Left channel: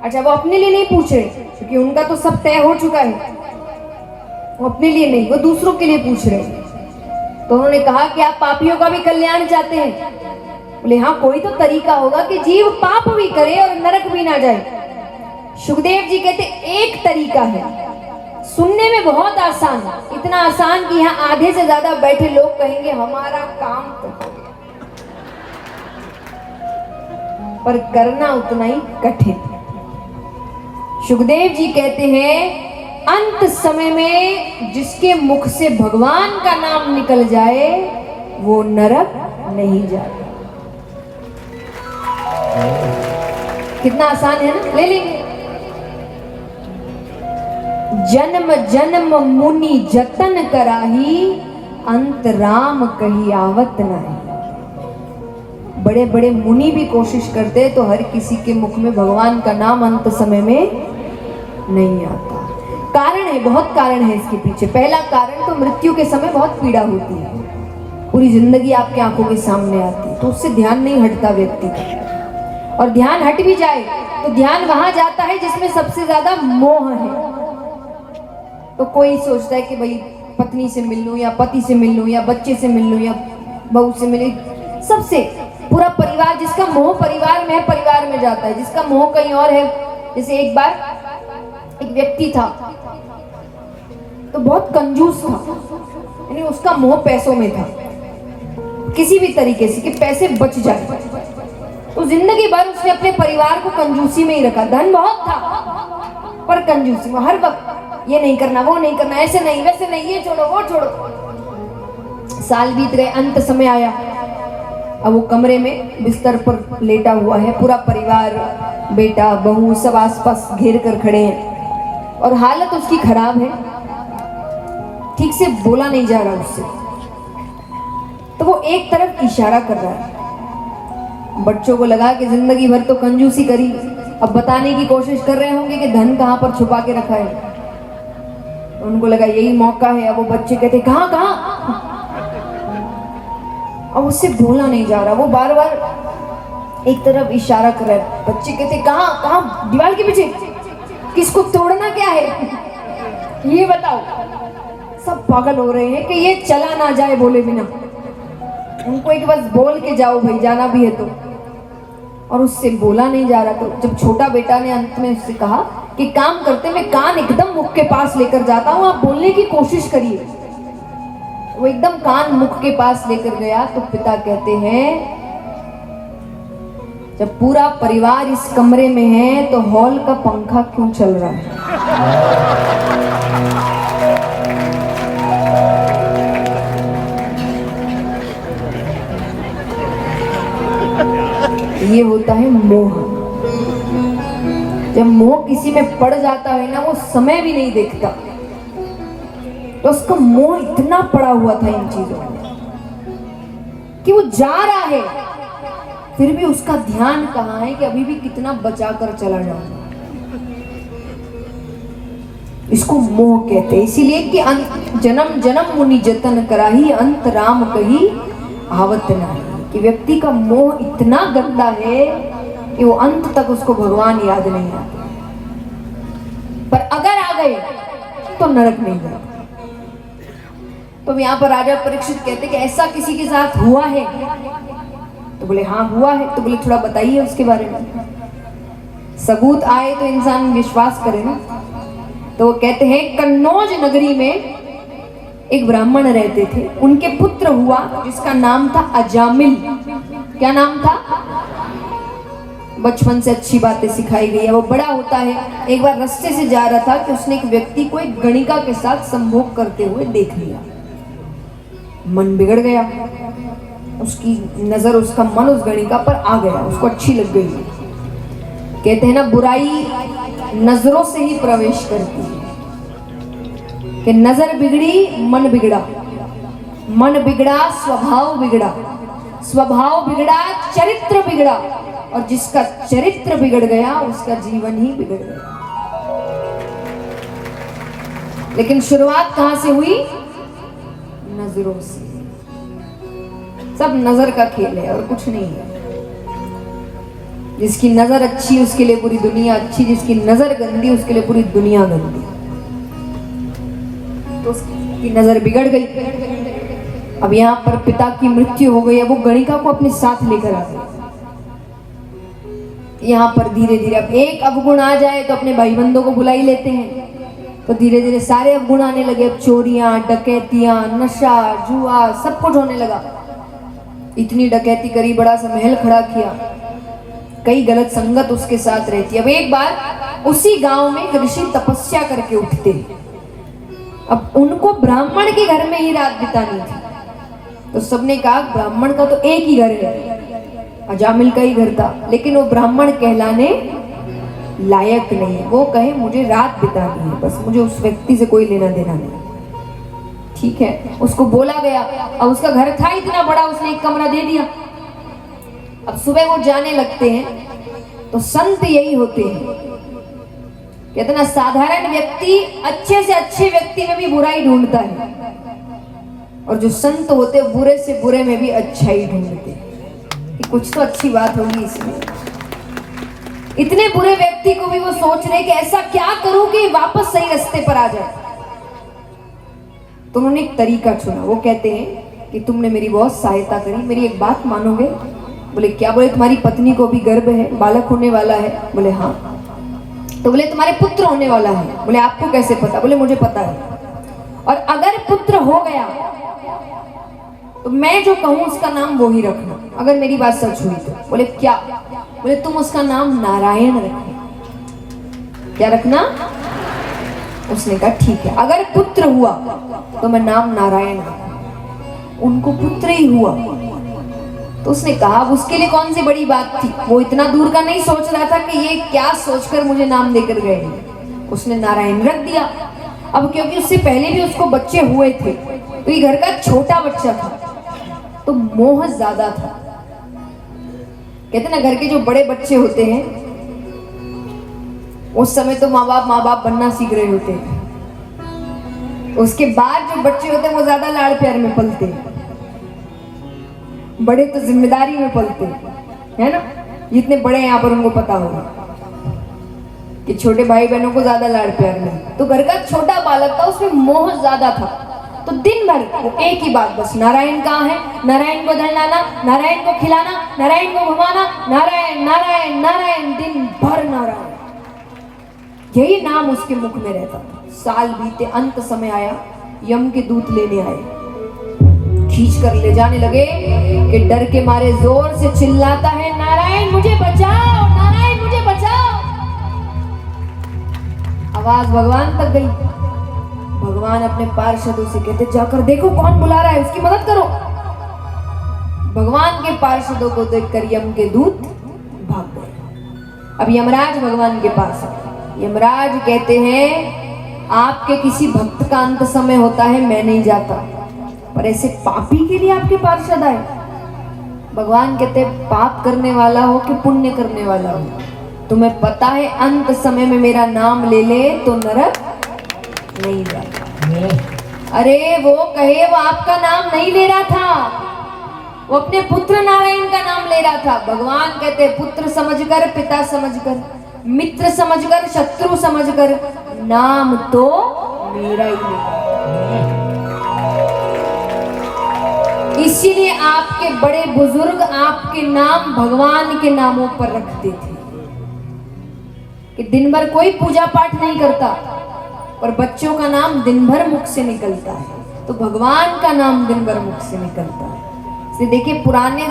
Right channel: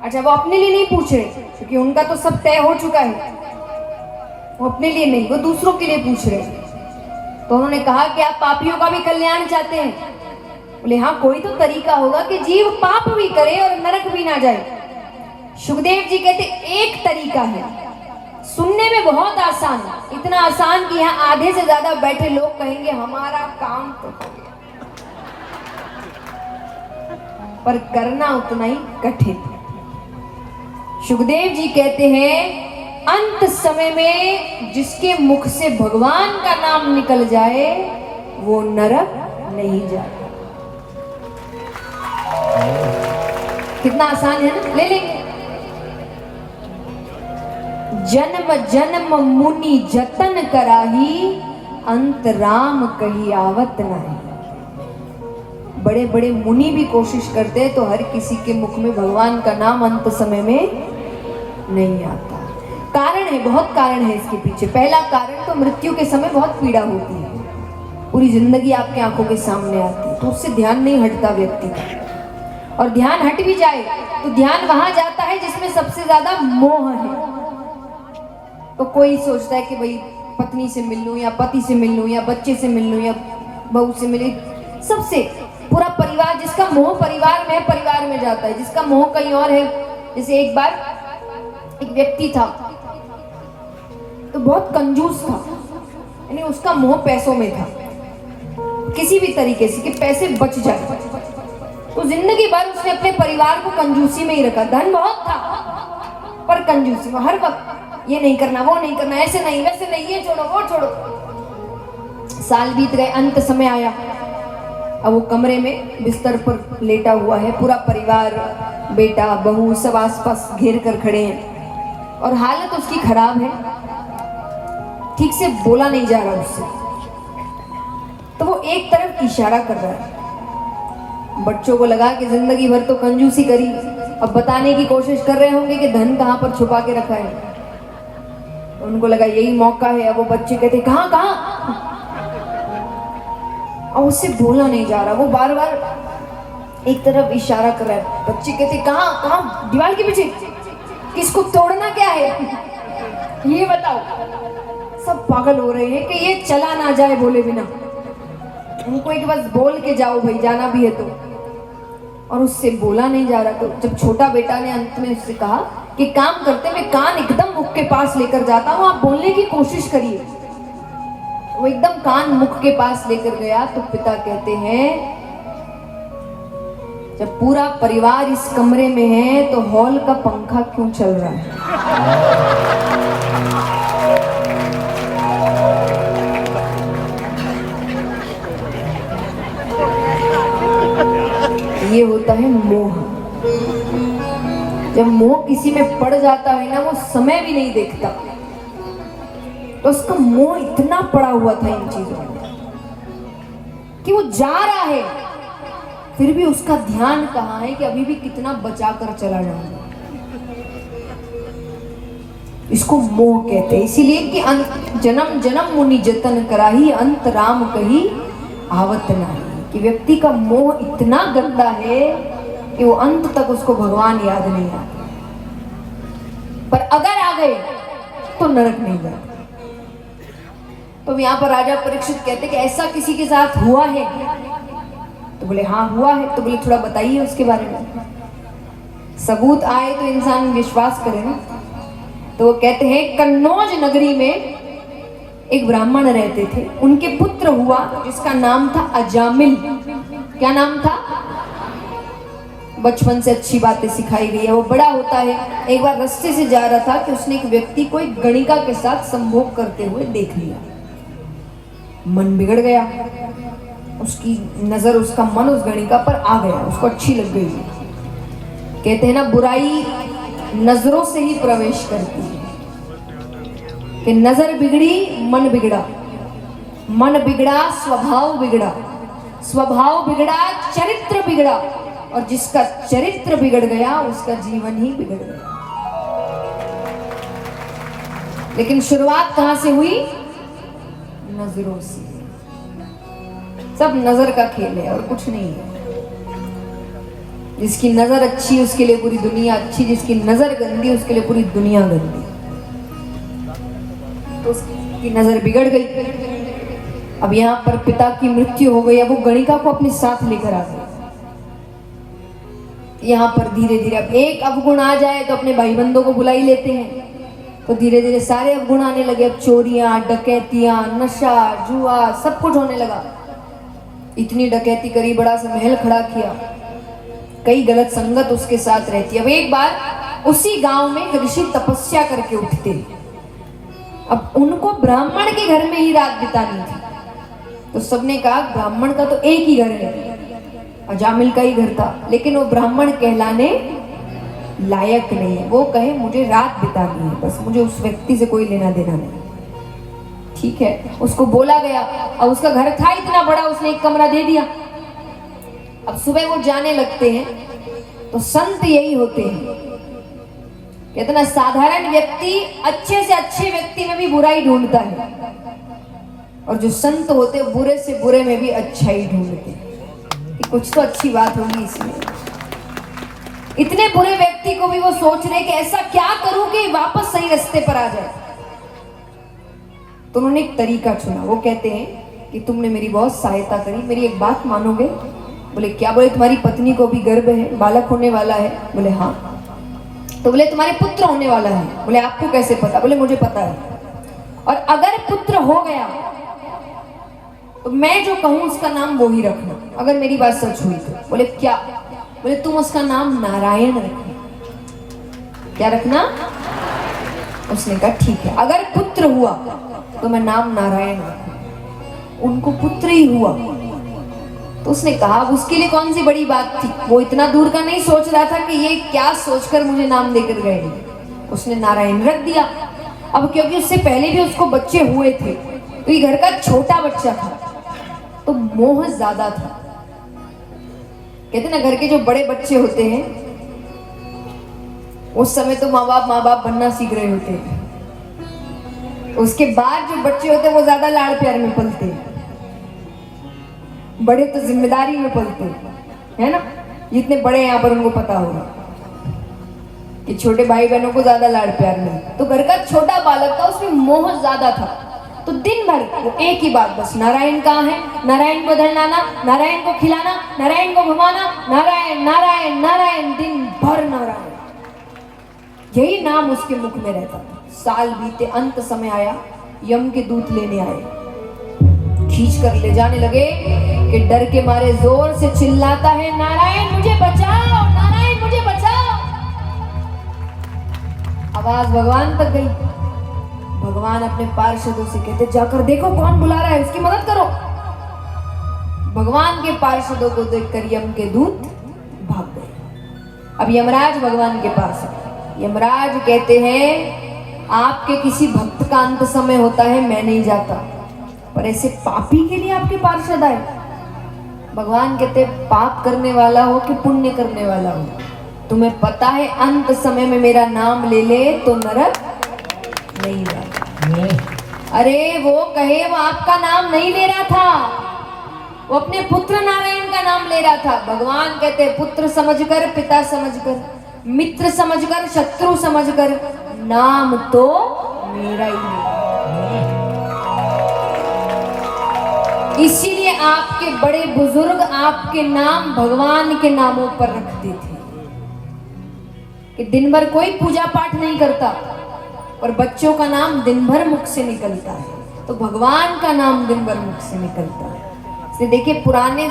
अच्छा, वो अपने लिए नहीं पूछ रहे क्योंकि उनका तो सब तय हो चुका है। वो अपने लिए नहीं, वो दूसरों के लिए पूछ रहे। तो उन्होंने कहा कि आप पापियों का भी कल्याण चाहते हैं? बोले हाँ, कोई तो तरीका होगा कि जीव पाप भी करे और नरक भी ना जाए। सुखदेव जी कहते एक तरीका है, सुनने में बहुत आसान, इतना आसान कि यहाँ आधे से ज्यादा बैठे लोग कहेंगे हमारा काम तो हो गया, पर करना उतना ही कठिन। सुखदेव जी कहते हैं अंत समय में जिसके मुख से भगवान का नाम निकल जाए वो नरक नहीं जाता। कितना आसान है ना, ले लेंगे। जन्म जन्म मुनि जतन कराही, अंत राम कही आवत नहीं। बड़े बड़े मुनि भी कोशिश करते तो हर किसी के मुख में भगवान का नाम अंत समय में नहीं आता। कारण है, बहुत कारण है इसके पीछे। पहला कारण तो मृत्यु के समय बहुत पीड़ा होती है, पूरी जिंदगी आपके आंखों के सामने आती है, तो उससे ध्यान नहीं हटता व्यक्ति का। और ध्यान हट भी जाए तो ध्यान वहां जाता है जिसमें सबसे ज्यादा मोह है। तो कोई सोचता है कि भाई पत्नी से मिल लूं या पति से मिल लूं या बच्चे से मिल लूं या बहू से मिले, सबसे पूरा परिवार, जिसका मोह परिवार में है परिवार में जाता है, जिसका मोह कहीं और है। जैसे एक बार एक व्यक्ति था तो बहुत कंजूस था, यानी उसका मोह पैसों में था, किसी भी तरीके से कि पैसे बच जाए। तो जिंदगी भर उसने अपने परिवार को कंजूसी में ही रखा। धन बहुत था पर कंजूसी में, हर वक्त ये नहीं करना वो नहीं करना, ऐसे नहीं वैसे नहीं, ये छोड़ो वो छोड़ो। साल बीत गए, अंत समय आया। अब वो कमरे में बिस्तर पर लेटा हुआ है, पूरा परिवार, बेटा बहू सब आसपास घेर कर खड़े हैं और हालत उसकी खराब है, ठीक से बोला नहीं जा रहा उससे। तो वो एक तरफ इशारा कर रहा है। बच्चों को लगा कि जिंदगी भर तो कंजूसी करी, अब बताने की कोशिश कर रहे होंगे कि धन कहाँ पर छुपा के रखा है। उनको लगा यही मौका है। अब वो बच्चे कहते कहाँ कहाँ, अब उससे बोला नहीं जा रहा, वो बार बार एक तरफ इशारा कर रहा है। बच्चे कहते कहाँ कहाँ, दीवार के पीछे, किसको तोड़ना क्या है ये बताओ। सब पागल हो रहे हैं कि ये चला ना जाए बोले बिना, उनको एक बस बोल के जाओ भाई, जाना भी है तो। और उससे बोला नहीं जा रहा। तो जब छोटा बेटा ने अंत में उससे कहा कि काम करते, मैं कान एकदम मुख के पास लेकर जाता हूँ, आप बोलने की कोशिश करिए। वो एकदम कान मुख के पास लेकर गया तो पिता कहते हैं जब पूरा परिवार इस कमरे में है तो हॉल का पंखा क्यों चल रहा है? ये होता है मोह। जब मोह किसी में पड़ जाता है ना, वो समय भी नहीं देखता। तो उसका मोह इतना पड़ा हुआ था इन चीजों में कि वो जा रहा है, फिर भी उसका ध्यान कहाँ है कि अभी भी कितना बचा कर चला जाऊंगा। इसको मोह कहते हैं। इसीलिए कि जन्म जन्म मुनि जतन कराही, अंत राम कही आवत नाही। कि व्यक्ति का मोह इतना गंदा है कि वो अंत तक उसको भगवान याद नहीं आता, पर अगर आ गए तो नरक नहीं जाता। तो यहाँ पर राजा परीक्षित कहते कि ऐसा किसी के साथ हुआ है? तो बोले हाँ हुआ है। तो बोले थोड़ा बताइए उसके बारे में, सबूत आए तो इंसान विश्वास करे ना। तो वो कहते हैं कन्नौज नगरी में एक ब्राह्मण रहते थे, उनके पुत्र हुआ जिसका नाम था अजामिल। क्या नाम था? बचपन से अच्छी बातें सिखाई गई है। वो बड़ा होता है, एक बार रास्ते से जा रहा था कि उसने एक व्यक्ति को एक गणिका के साथ संभोग करते हुए देख लिया। मन बिगड़ गया, उसकी नजर, उसका मन उस गणिका पर आ गया, उसको अच्छी लग गई। कहते हैं ना बुराई नजरों से ही प्रवेश करती है, कि नजर बिगड़ी मन बिगड़ा, मन बिगड़ा स्वभाव बिगड़ा, स्वभाव बिगड़ा चरित्र बिगड़ा, और जिसका चरित्र बिगड़ गया उसका जीवन ही बिगड़ गया। लेकिन शुरुआत कहां से हुई? नजरों से। सब नजर का खेल है और कुछ नहीं है। जिसकी नजर अच्छी उसके लिए पूरी दुनिया अच्छी, जिसकी नजर गंदी उसके लिए पूरी दुनिया गंदी। तो उसकी नजर बिगड़ गई। अब यहाँ पर पिता की मृत्यु हो गई। अब वो गणिका को अपने साथ लेकर आ गई। यहाँ पर धीरे धीरे अब एक अवगुण आ जाए तो अपने भाई बंधों को बुला ही लेते हैं। तो धीरे धीरे सारे अवगुण आने लगे। अब चोरियां, डकैतियां, नशा, जुआ, सब कुछ होने लगा। इतनी डकैती करी, बड़ा सा महल खड़ा किया, कई गलत संगत उसके साथ रहती। अब एक बार उसी गांव में एक ऋषि तपस्या करके उठते। अब उनको ब्राह्मण के घर में ही रात बितानी थी। तो सबने कहा ब्राह्मण का तो एक ही घर है, अजामिल का ही घर था, लेकिन वो ब्राह्मण कहलाने लायक नहीं है। वो कहे मुझे रात बितानी है, बस मुझे उस व्यक्ति से कोई लेना देना नहीं। ठीक है, उसको बोला गया। अब उसका घर था इतना बड़ा, उसने एक कमरा दे दिया। अब सुबह वो जाने लगते हैं। तो संत यही होते हैं, कितना साधारण व्यक्ति अच्छे से अच्छे व्यक्ति में भी बुराई ढूंढता है, और जो संत होते हैं बुरे से बुरे में भी अच्छाई ढूंढते हैं। कुछ तो अच्छी बात होगी इसमें। इतने बुरे व्यक्ति को भी वो सोच रहे कि ऐसा क्या करूं कि वापस सही रास्ते पर आ जाए। तो उन्होंने एक तरीका चुना। वो कहते हैं कि तुमने मेरी बहुत सहायता करी, मेरी एक बात मानोगे? बोले क्या? बोले तुम्हारी पत्नी को भी गर्भ है, बालक होने वाला है। बोले हाँ। तो बोले तुम्हारे पुत्र होने वाला है। बोले आपको कैसे पता? बोले मुझे पता है, और अगर पुत्र हो गया तो मैं जो कहूं उसका नाम वो ही रखना, अगर मेरी बात सच हुई तो। बोले क्या? बोले तुम उसका नाम नारायण रखना। क्या रखना? उसने कहा ठीक है, अगर पुत्र हुआ तो मैं नाम नारायण रखूं। उनको पुत्र ही हुआ। तो उसने कहा उसके लिए कौन सी बड़ी बात थी, वो इतना दूर का नहीं सोच रहा था कि ये क्या सोचकर मुझे नाम देकर गए। उसने नारायण रख दिया। अब क्योंकि उससे पहले भी उसको बच्चे हुए थे, तो ये घर का छोटा बच्चा था, तो मोह ज्यादा था। कहते ना घर के जो बड़े बच्चे होते हैं उस समय तो माँ बाप बनना सीख रहे होते हैं। उसके बाद जो बच्चे होते हैं वो ज्यादा लाड़ प्यार में पलते हैं, बड़े तो जिम्मेदारी में पलते है ना। जितने बड़े यहाँ पर उनको पता होगा कि छोटे भाई बहनों को ज्यादा लाड़ प्यार नहीं। तो घर का छोटा बालक था, उसमें मोह ज्यादा था। तो दिन भर वो एक ही बात, बस नारायण कहाँ है, नारायण को धरलाना, नारायण को खिलाना, नारायण को घुमाना, नारायण नारायण नारायण, दिन भर नारायण, यही नाम उसके मुख में रहता था। साल बीते, अंत समय आया, यम के दूत लेने आए, खींच कर ले जाने लगे कि डर के मारे जोर से चिल्लाता है नारायण मुझे बचाओ, नारायण मुझे बचाओ। आवाज भगवान तक गई। भगवान अपने पार्षदों से कहते जाकर देखो कौन बुला रहा है, उसकी मदद करो। भगवान के पार्षदों को देखकर यम के दूत भाग गए। अब यमराज भगवान के पास आए। यमराज कहते हैं आपके किसी भक्त का अंत समय होता है, मैं नहीं जाता, पर ऐसे पापी के लिए आपके पार्षद आए। भगवान कहते पाप करने वाला हो कि पुण्य करने वाला हो, तुम्हें पता है अंत समय में मेरा नाम ले ले तो नरक नहीं जाता। अरे वो कहे वो आपका नाम नहीं ले रहा था, वो अपने पुत्र नारायण का नाम ले रहा था। भगवान कहते पुत्र समझकर, पिता समझकर, मित्र समझकर, शत्रु समझकर, नाम तो मेरा ही है। इसीलिए आपके बड़े बुजुर्ग आपके नाम भगवान के नामों पर रखते थे कि दिन भर कोई पूजा पाठ नहीं करता, और बच्चों का नाम दिन भर मुख से निकलता है, तो भगवान का नाम दिन भर मुख से निकलता है। इसलिए देखिए पुराने